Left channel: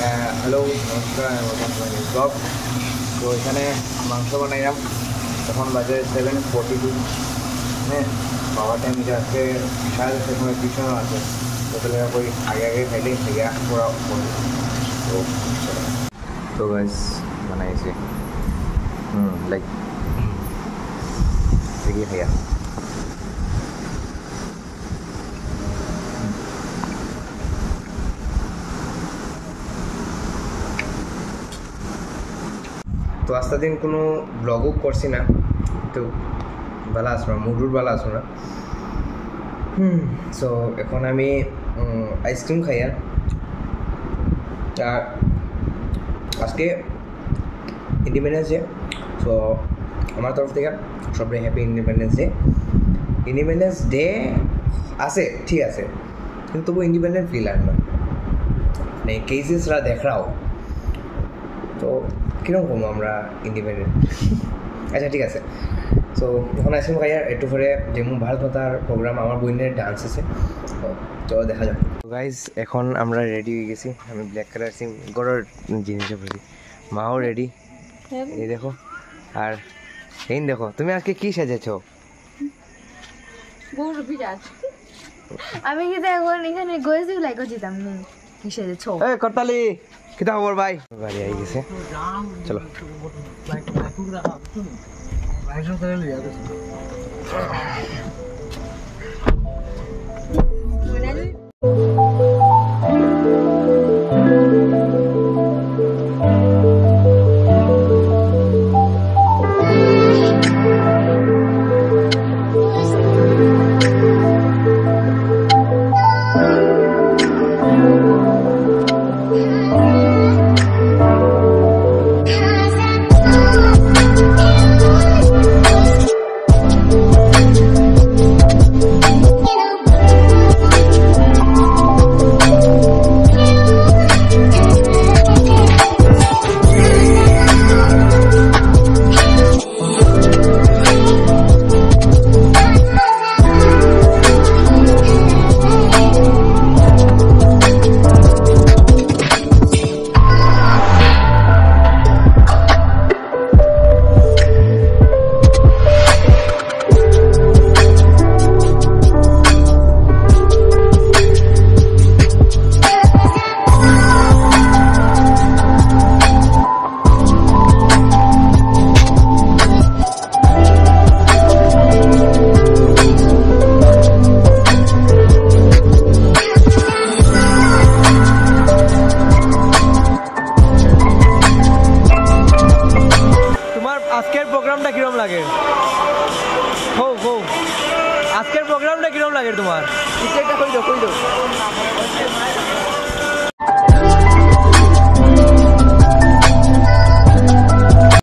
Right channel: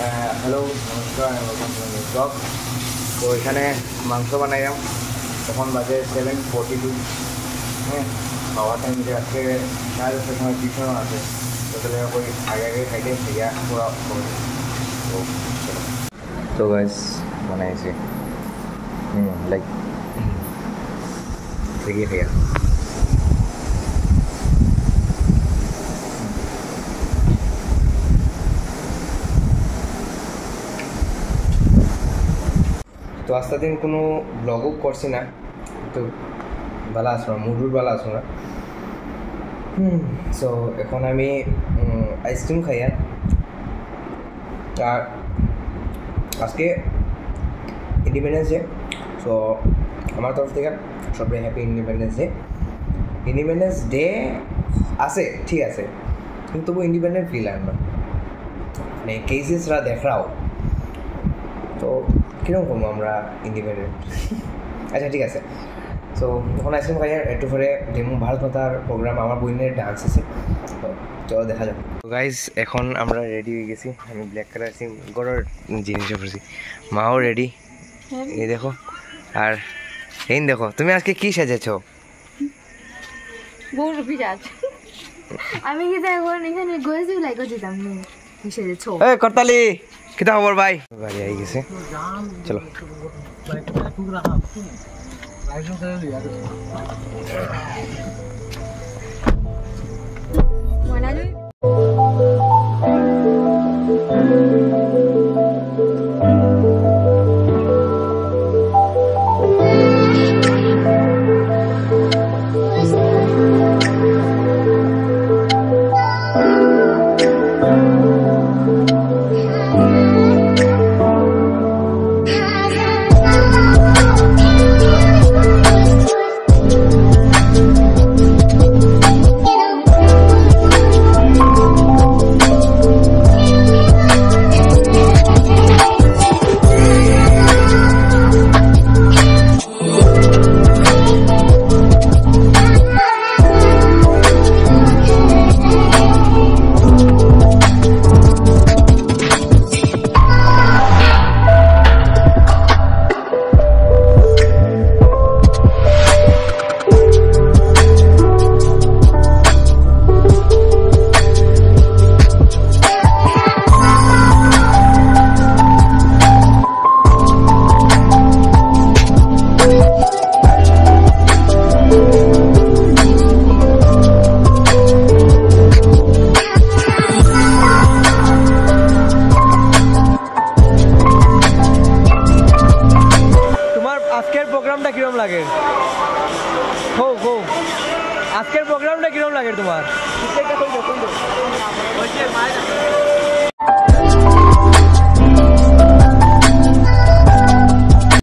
হ্যালো নমস্কার ব্লগ। তো এখানে মাংস বানাইলাম, তখন বাজে 7:42। হ্যাঁ, খাওয়া টাইম এটা আজকে সাড়ে 10টার সময় পিছনে আছে, হোটেলে করি আগে আগে খাইলে খেয়া পুরা তো চলো। তো গাইস বানাইছি লাইক দেখি খেয়া। তো আস্তে দিন কোনো ব্লগও করছি না, তো বেলা আসবো না, মুডুর বেলা আসবো না। সো এখন আমি আইসক্রিম খাইয়া। আর আজকে ইন্ডিপেন্ডেন্স ডে, সো আমার তরফ থেকে সবাই happy independence day. Independence day আছে, ঠিক আছে, কিন্তু তবু ইন্ডিপেন্ডেন্ট ফিল আর না, মানে কেসেসরা দেখাও তো কীরকম করবো আমরা ইন্ডিপেন্ডেন্ট। আচ্ছা ঠিক আছে। সো যখন আইসক্রিম খাই একটু পরে যে ভারত মাতার প্রোগ্রাম, আমার বইনের ডান্স আছে, তো চলো দেখা যাক। গাইজ এখন আমরা রেডি হয়ে গেছি, আমি ব্ল্যাক কালার সিম গড়ের জিনিসও পড়ছি, মাও রেডি, এই দেখো। আর এই দেখো, তুমি আজকে কি সাজেছ? আমি কি এখন এখানে গয়েছি লাইক যেতাম কি সেজেছ? এই করতালি কিতা খবর ভাই? বাড়ি আই গেছে, চলো। আজকের প্রোগ্রামটা কিরম লাগে? আজকের প্রোগ্রামটা কিরম লাগে তোমার?